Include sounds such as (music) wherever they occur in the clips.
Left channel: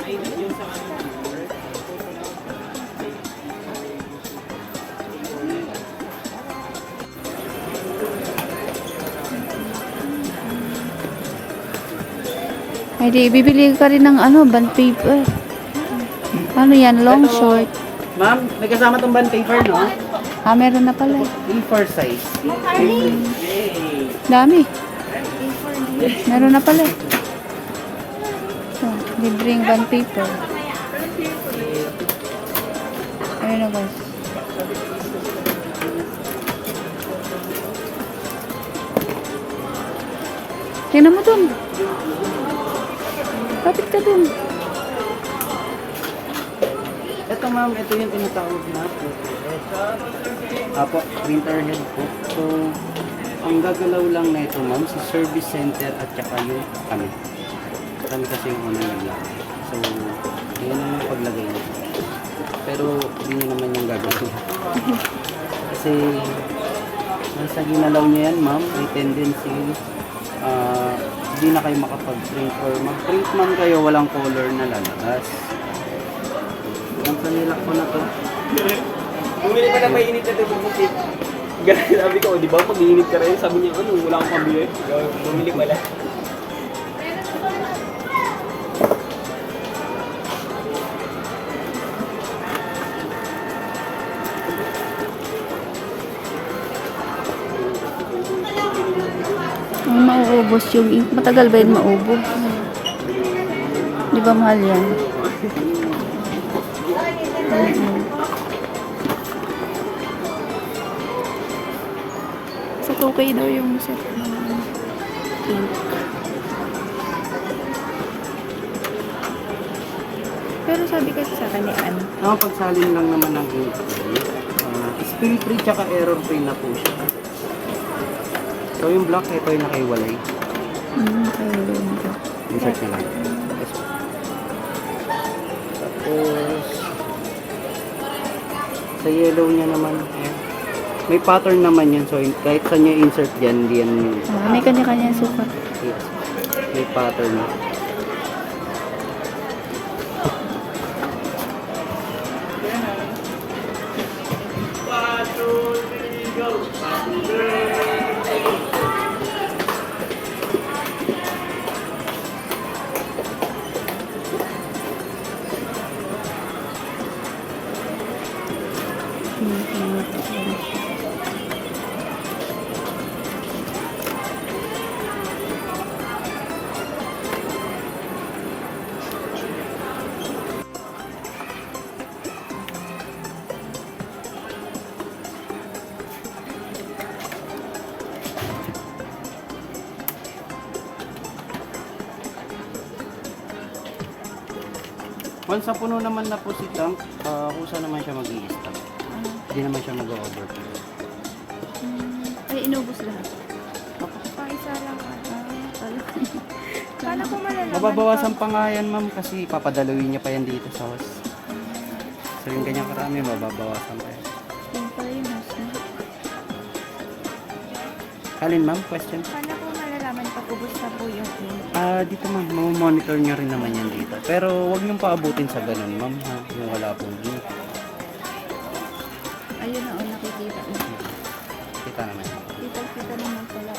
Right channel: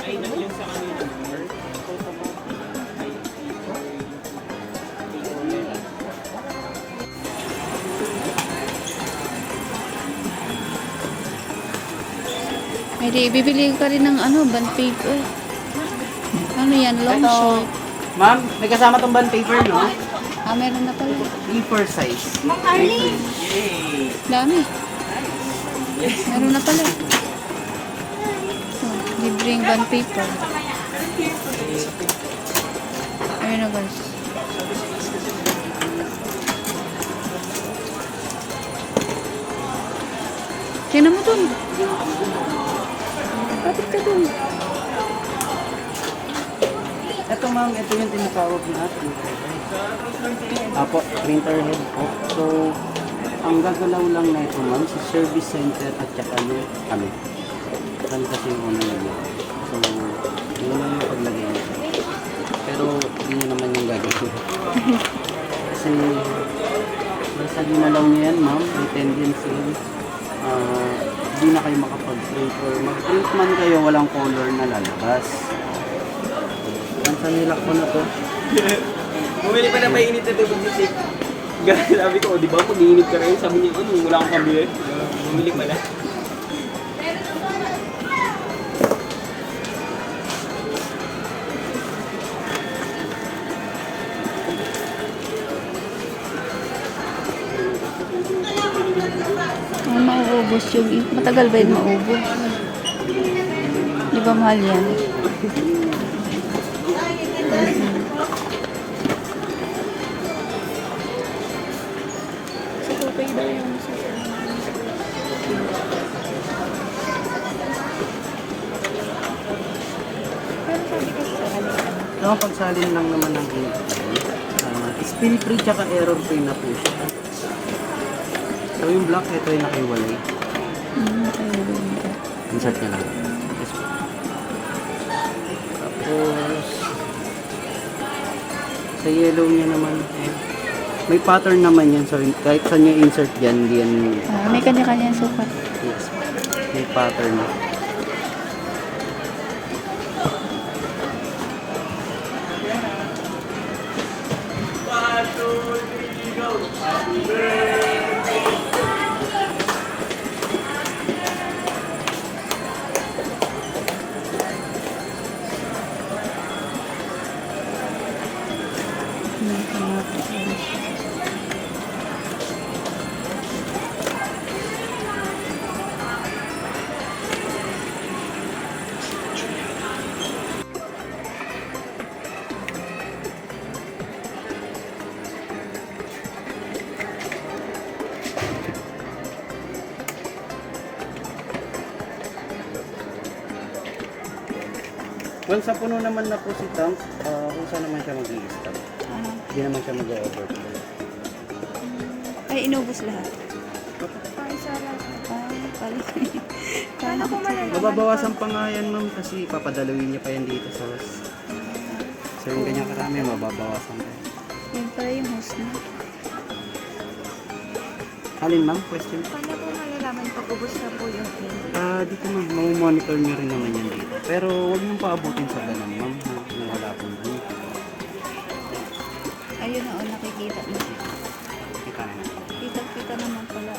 Ay, yun sa kanina. Ay, di, bibili ka rin ng ano, band paper. Ano yan, long Ito. short. Ma'am, may kasama tong band paper, no? Ah, meron na pala. A4 size. Dami. Meron na pala. Libre yung band paper. Ayun na guys. Yan mo dun. Kapit ka dun. Ito ma'am, ito yung tinatawag na printer head. Apo, printer head po. So, ang gagalaw lang na ito ma'am, sa service center at saka yung kami. Kami kasi yung ano lang. So, yun lang yung paglagay niya. Pero, hindi nyo naman yung gagawin. (laughs) kasi, na ginalaw niya yan ma'am, may tendency, ah, hindi na kayo makapag-print or mag-print man kayo, walang color na lalabas. Ang kanila ko na to. Bumili pa na mainit na ito kasi sabi ko, di ba mag-iinit ka rin? Sabi niya, ano, wala akong pambili. Bumili pala. Ang mauubos yung, matagal ba yun maubos? Di ba mahal yan? Sa tukay daw yung sa Pero sabi kasi sa kanya ano, No, pagsalin lang naman ng ink. Uh, spill free tsaka error free na po siya. So yung block, ito yung nakaiwalay. Mm, kayo rin ito. Insert na lang. Yes, po. Tapos, sa yellow niya naman, eh, may pattern naman yan. So, kahit saan niya insert yan, hindi yan, Ah, may kanya-kanya sukat. yes, may pattern. Once na puno naman na po si tank, uh, kung saan naman siya mag stop Ah, Hindi naman siya mag-overflow. ay, inubos lahat. Ah, kala ko. Kala ko. Mababawasan pa nga yan, ma'am, kasi papadalawin niya pa yan dito sa house. So, yung ganyan karami, mababawasan pa. Yung pala yung house na. Kalin, ma'am, question? Paano ko malalaman pag ubos na po yung ink? Ah, dito ma'am, monitor niya rin naman yan dito. Pero huwag mong paabutin sa ganun, ma'am, na, nakikita na. Kita na. Kita-kita naman pala.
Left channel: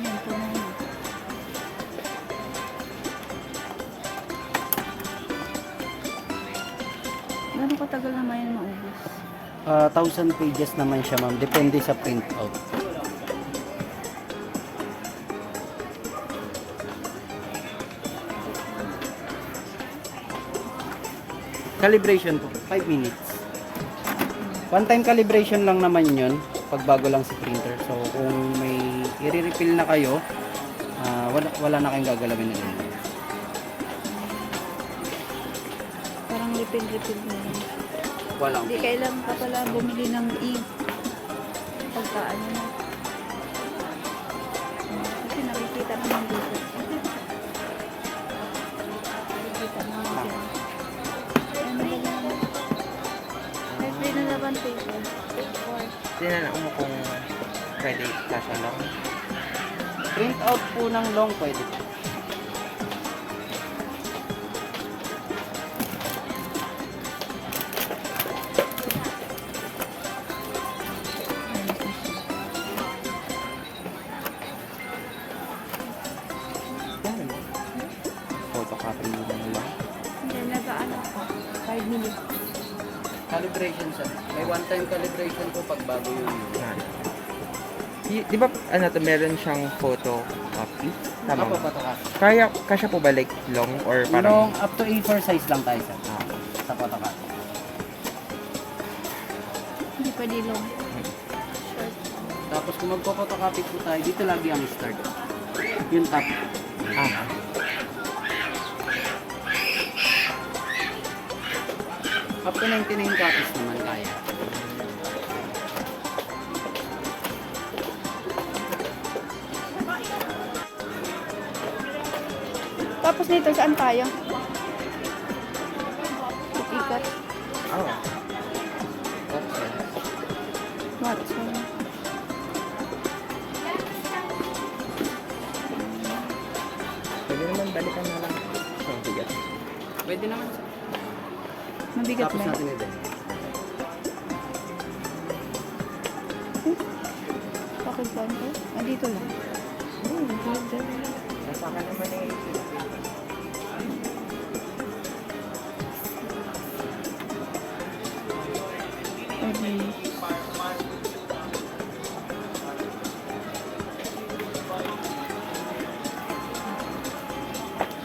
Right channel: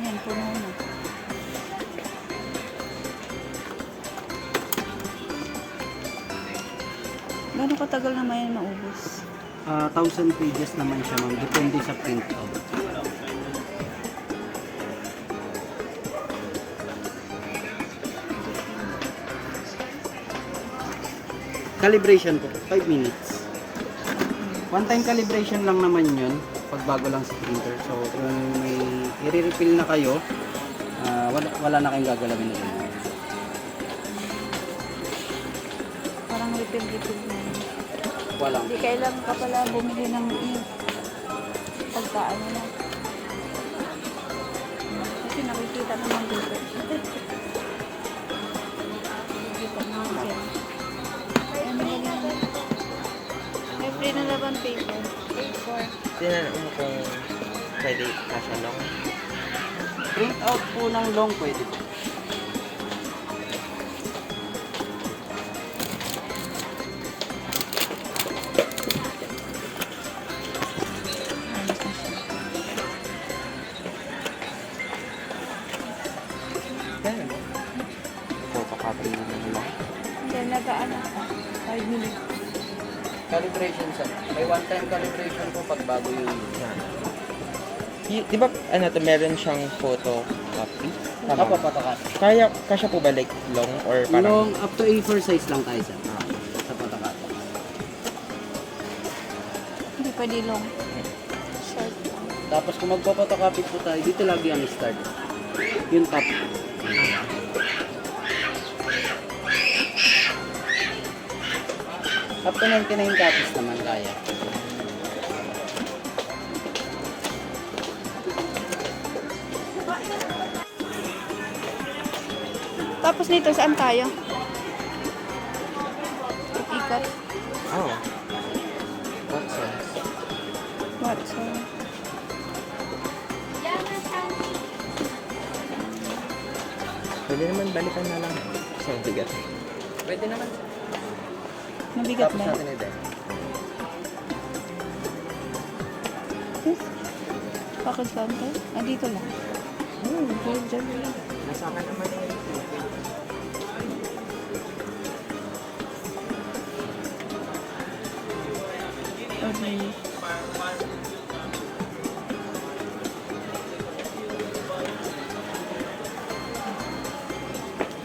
Yan, puno na. Gano'ng katagal naman yan maubos? Ah, 1,000 pages naman siya, ma'am. Depende sa print out. Calibration po, 5 minutes. One time calibration lang naman yun, pag bago lang sa printer. So, kung may i-refill na kayo, ah, wala, wala na kayong gagalawin na ganun. Parang refill-refill na yun. Wala. Hindi kailangan ka pala bumili ng ink. Pagka ano na. Kasi nakikita naman dito. (laughs) nakikita naman siya. Free na laban paper. Paper. Kaya ano kung pwede ipasa lang. Print out po ng long pwede. May one-time calibration po pag bago yung Y- di ba, ano to, meron siyang photo copy? Tama po, Tama. photocopy. Kaya, kasya po ba like long or parang... Long, up to A4 size lang tayo sir. Sa photocopy. Hindi pwede long. Short. Tapos kung magpo-photocopy po tayo, dito lagi ang start. Yung top. Up to 99 copies naman kaya. Tapos nito, saan tayo? Ikot. Oh. Watson. Watson. Pwede naman balikan na lang. So, bigat. Pwede naman. Mabigat Tapos na. natin i-demo. Bakit saan to? Ah, dito lang. Oh, dito. Nasa akin naman eh. Pwede.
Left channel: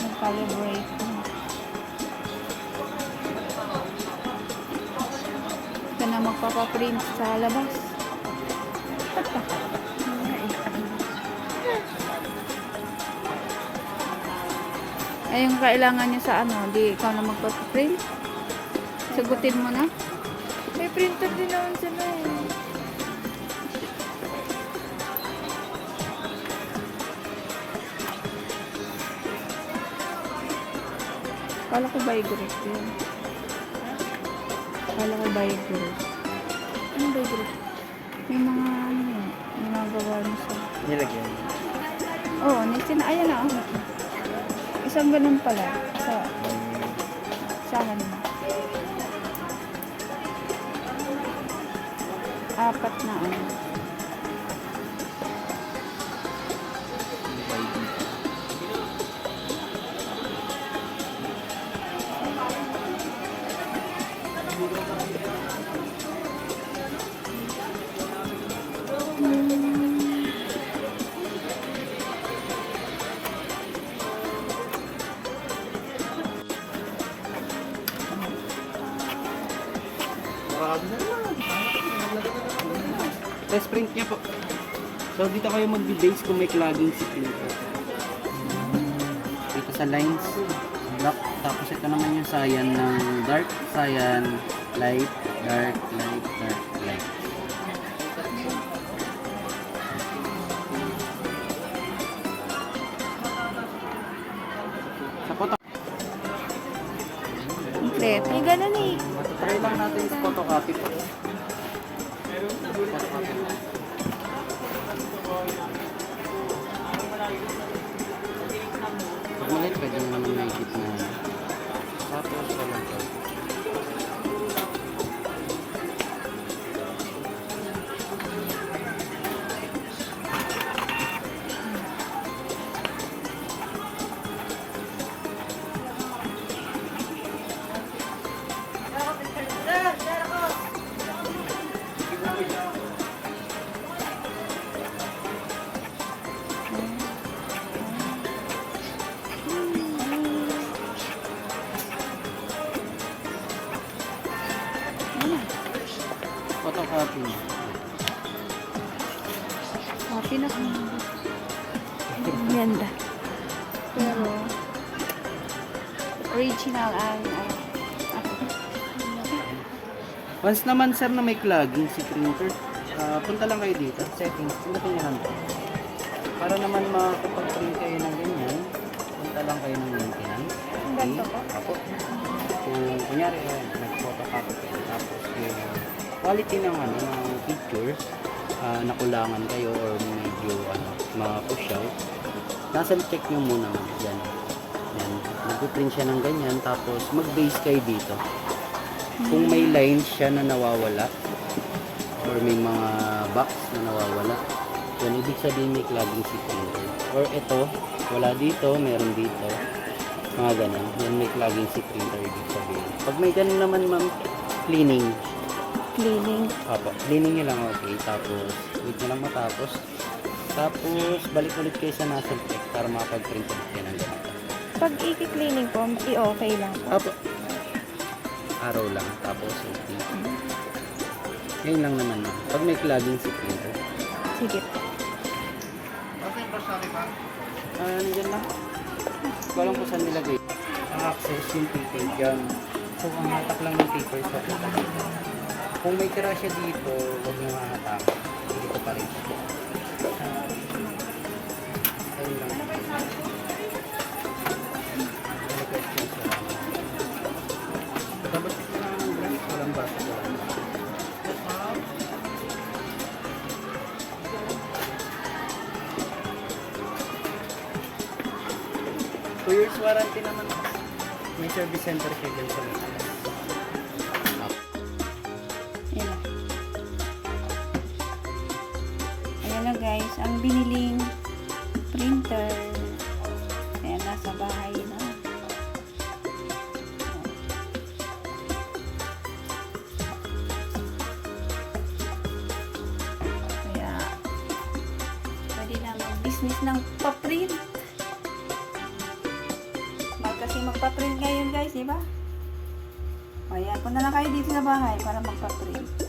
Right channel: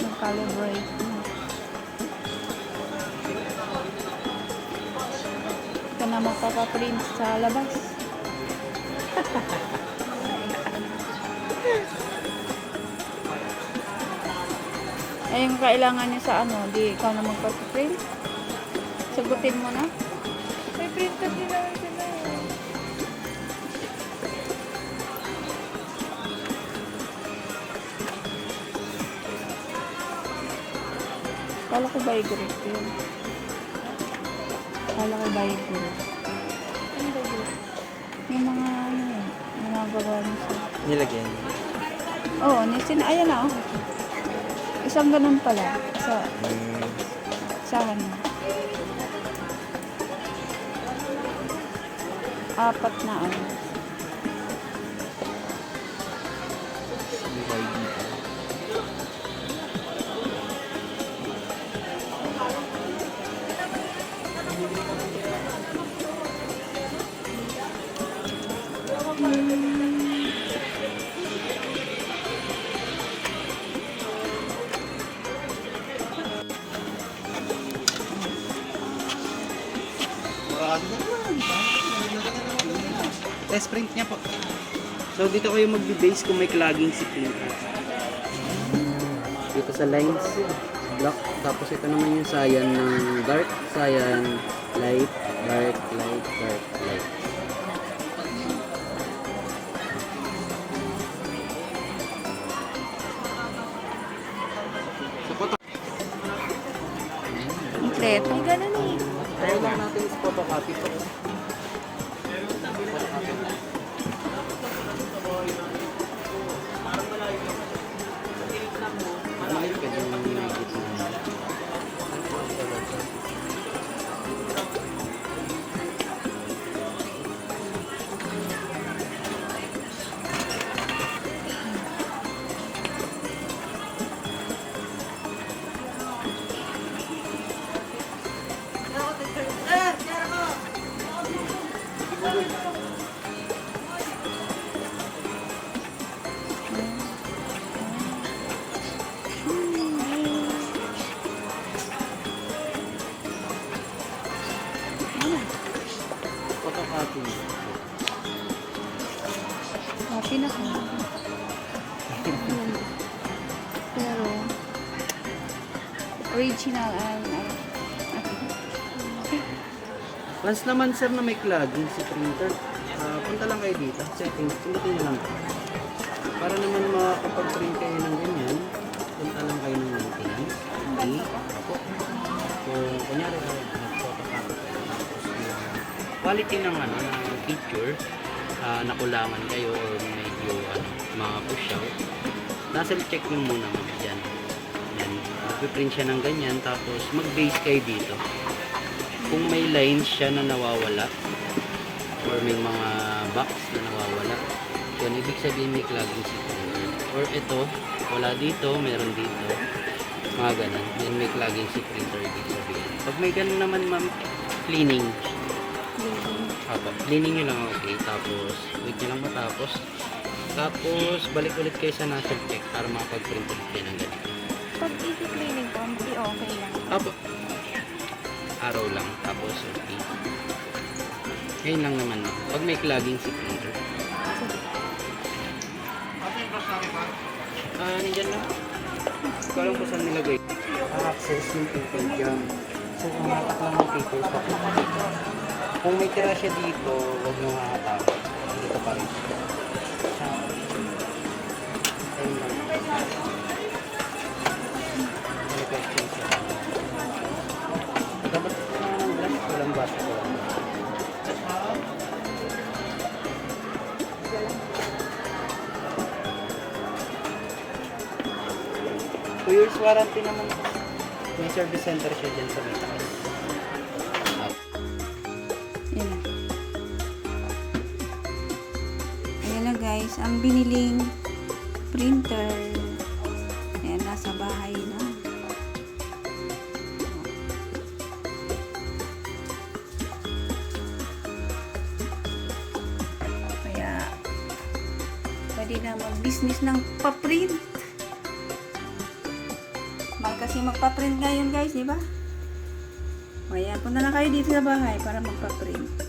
Mag-calibrate na. Magpapaprint sa labas. Ay, (laughs) yung kailangan niya sa ano, di ikaw na magpapaprint. Sagutin mo na. May printer din naman sila eh. Kala ko by group yun. Kala ko by group. Ano ba yun? Yung mga ano yun, ginagawa niya sa... Nilagyan. Oo, oh, nisin, ayan na oh. Isang ganun pala. Sa, sahan mo. Apat na ano. Test print niya po. So dito kayo mag-base kung may clogging si printer. Dito sa lines, black. Tapos ito naman yung cyan ng dark, cyan, light, dark, light, dark, light. Kompleto. Ganun eh. try lang natin sa photocopy po. Once naman sir na may clogging si printer, ah, punta lang kayo dito, settings, pindutin nyo lang. Para naman makapag-print kayo ng ganyan, punta lang kayo ng maintenance. Okay. Apo. Kung kunyari kayo, nag-photocopy kayo, tapos yung quality ng ano, ng picture, ah, nakulangan kayo or medyo ano, ma-push out, cancel check nyo muna dyan. Yan. Nag-print siya ng ganyan, tapos mag-base kayo dito kung may lines siya na nawawala or may mga box na nawawala yan ibig sabihin may clogging si or ito wala dito meron dito mga ganun yan may clogging si printer ibig sabihin pag may ganun naman ma'am cleaning cleaning. Opo, cleaning nyo lang okay. Tapos, wait nyo lang matapos. Tapos, balik ulit kayo sa National Tech para makapag-print ulit kayo ng ganito. Pag i-cleaning ko, i-okay lang. Opo. Araw lang. Tapos, okay. Ngayon lang naman. ma'am. Pag may clogging si printer. Sige. Ah, nandiyan lang. Ikaw lang kung saan nilagay. Ang access yung paper dyan. So, ang hatak lang ng paper sa. Kung may tira siya dito, huwag nyo hahatak. Dito pa rin. Ng bata. Two years warranty naman. May service center siya dyan sa may taas. Ayan. Ayan na guys, ang biniling printer. Ayan, nasa bahay pwede na mag-business ng paprint. Mag kasi magpa-print ngayon guys, di ba? Ayan, punta na kayo dito sa bahay para magpa-print.